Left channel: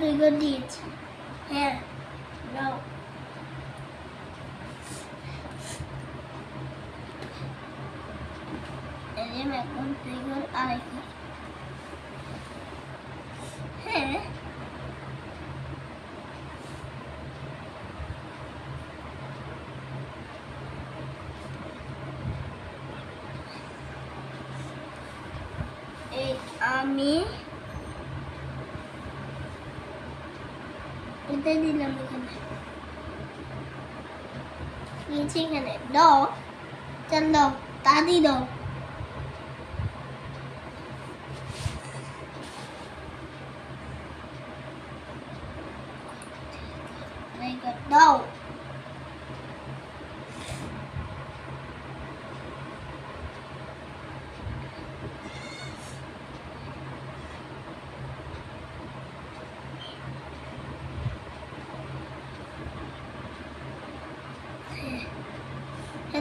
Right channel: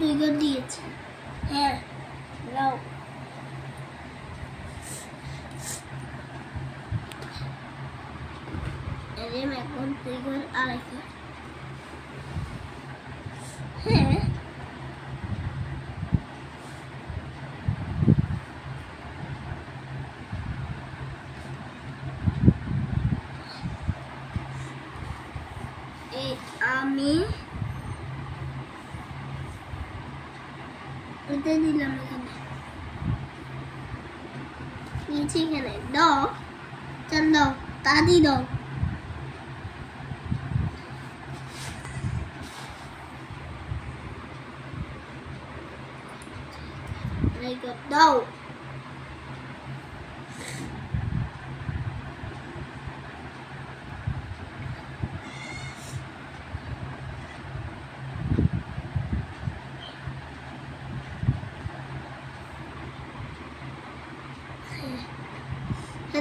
দুই ঘর দিয়েছি। হ্যাঁ নাও। এখন দুই ঘর আড়াই ঘর। হ্যাঁ আমি এটা দিলাম এখানে, নিচে এখানে দাও, চল দাও, তাড়াতাড়ি দাও। দাও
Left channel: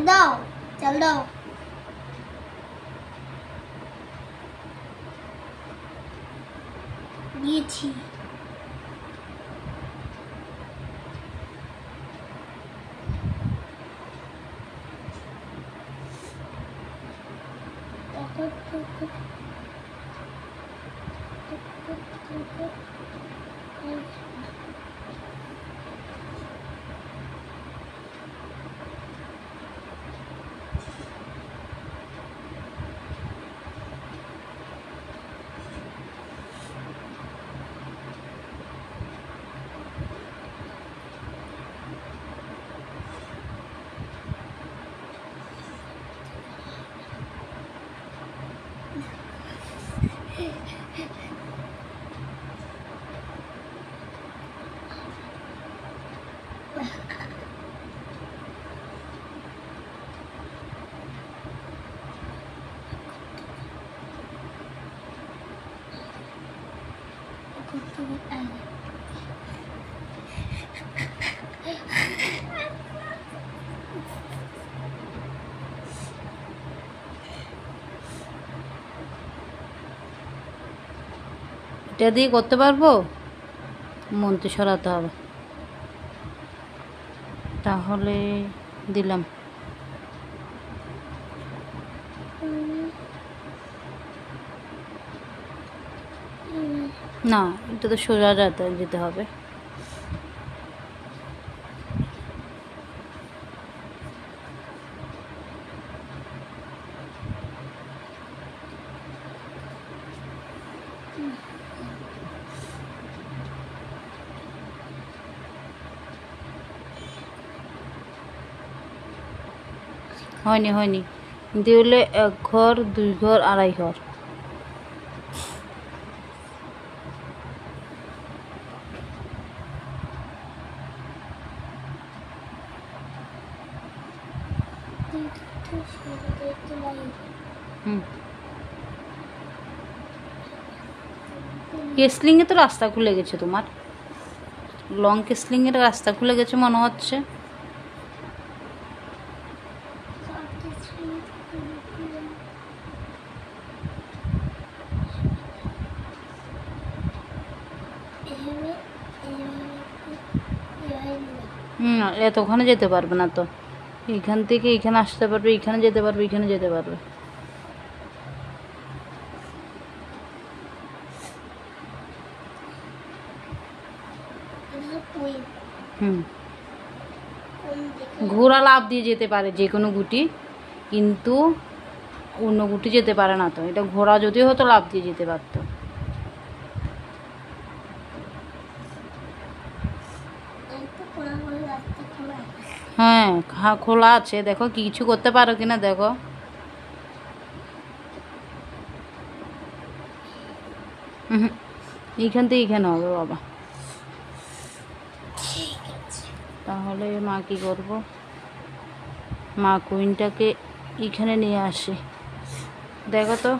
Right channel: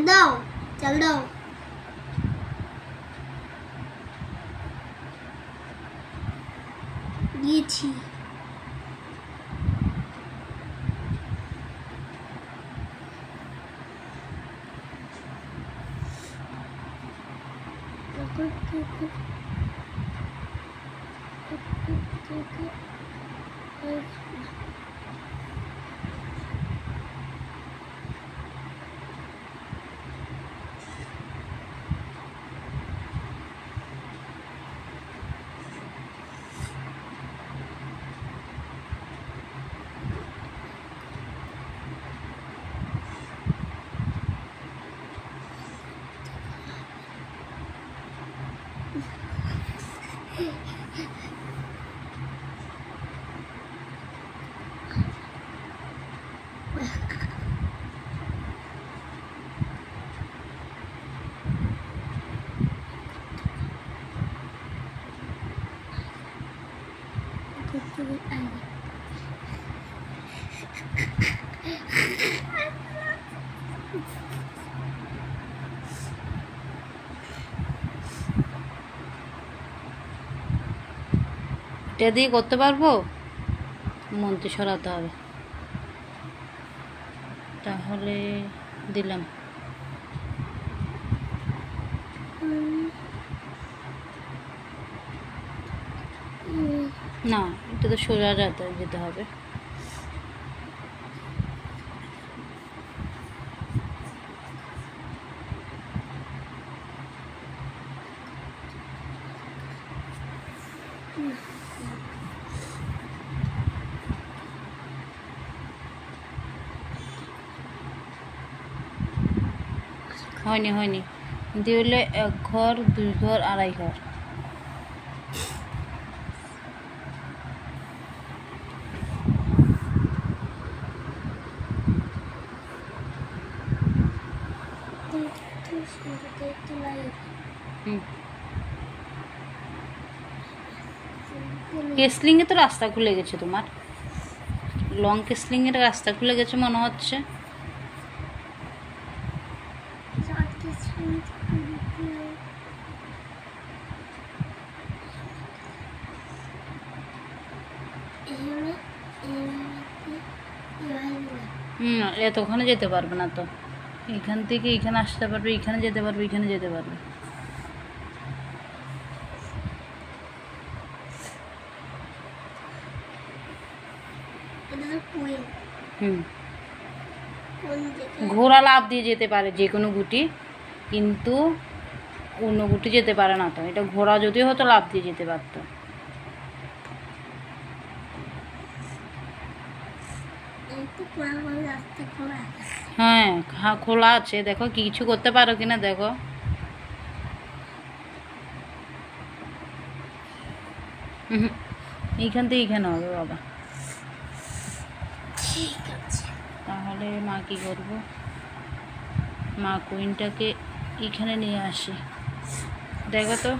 দাও, চল দাও। দিয়েছি। এটা দিয়ে করতে পারবো, মন্ত্রী সরাতে হবে। তাহলে দিলাম না, এটা তো সোজা যেতে হবে। হয়নি হয়নি, দিয়ে হলে এক ঘর, দুই ঘর, আড়াই ঘর। কেসলিংয়ে তো রাস্তা খুলে গেছে, তোমার লং কেসলিংয়ের রাস্তা খুলে গেছে মনে হচ্ছে। এতক্ষণে যেতে পারবে না তো, এখান থেকে এখানে আসতে পারবে, এখানে যেতে পারবে, এখানে যেতে পারবে। ঘোড়া লাফ দিয়ে যেতে পারে যে কোনো গুটি, কিন্তু অন্য গুটি যেতে পারে না। তো এটা ঘোড়া যদি হতো লাফ দিয়ে যেতে পারত। হ্যাঁ খোলা আছে, দেখো কিছু করতে পারো কিনা দেখো। এইখান থেকে এইখানে হবে বাবা। তাহলে মা কি করবো, মা কুইনটাকে এইখানে নিয়ে আসি। দেখো তো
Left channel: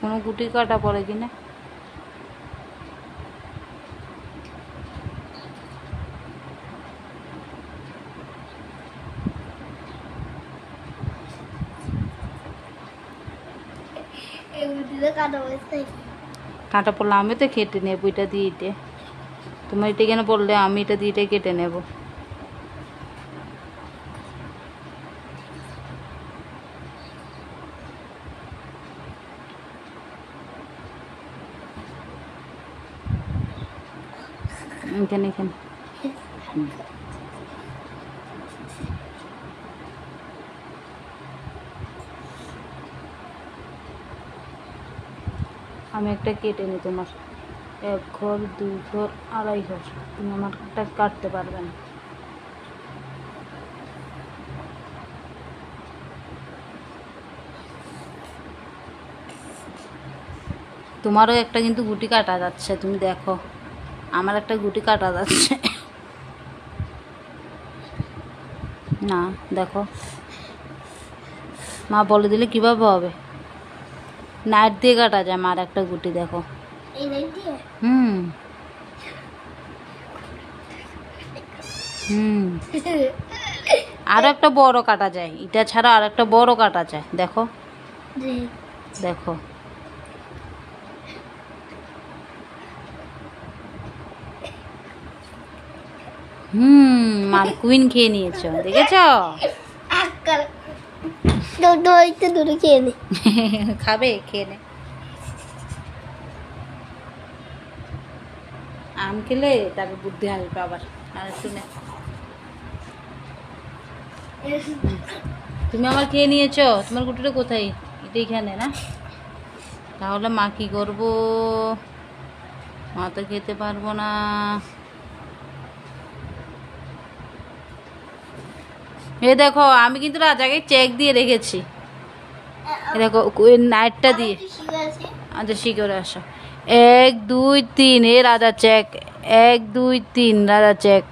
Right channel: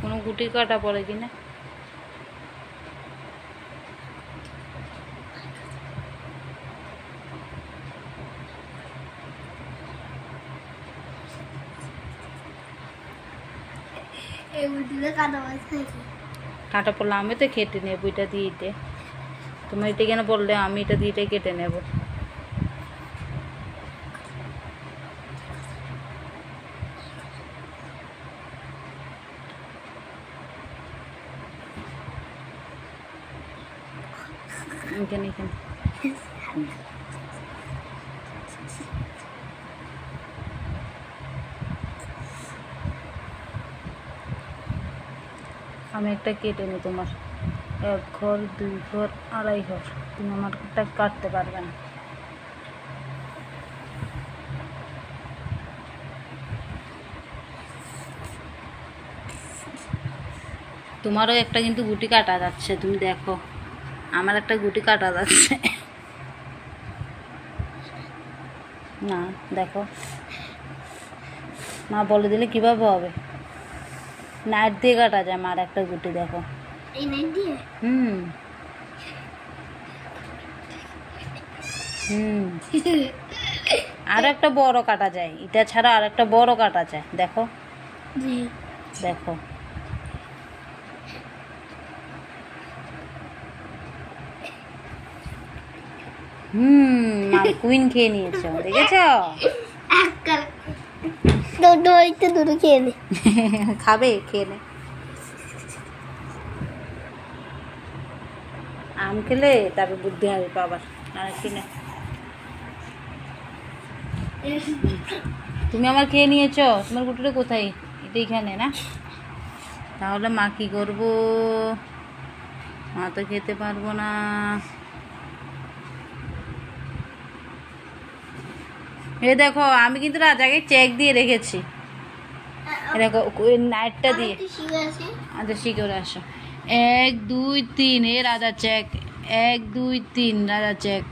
কোনো গুটি কাটা পড়ে কিনা। কাটা পড়লে আমি তো কেটে নেবো এটা দিয়ে। তোমার এটা কেন বললে? আমি এটা দিয়ে এটাই কেটে নেব। এখানে এখানে আমি একটা কেটে নিই তোমার। 1 ঘর 2 ঘর 2.5 ঘর, তুমি আমারটা কাটতে পারবে না। তোমারও একটা কিন্তু গুটি কাটা যাচ্ছে, তুমি দেখো। আমার একটা গুটি কাটা যাচ্ছে না, দেখো। মা বলে দিলে কিভাবে হবে? নাইট দিয়ে কাটা যায় মার একটা গুটি, দেখো। এই নাইট দিয়ে? হুম হুম আরো একটা বড় কাটা যায়, এটা ছাড়া আর একটা বড় কাটা যায়, দেখো। জি। দেখো মার কুইন খেয়ে নিয়েছো, দেখেছো? দূরে খেয়ে নে। খাবে, খেয়ে নে। আম খেলে তারপর বুদ্ধি হবে তো আবার। আর একটু নে। তুমি আমার খেয়ে নিয়েছো, তোমার গুটিটা কোথায়? এটা এখানে না? তাহলে মা কি করবো? মা তো খেতে পারবো না। এই দেখো, আমি কিন্তু রাজাকে চেক দিয়ে রেখেছি। দেখো নাইটটা দিয়ে। আচ্ছা শিখরে আসো। 1 2 3, এ রাজা চেক। 1 2 3 রাজা চেক।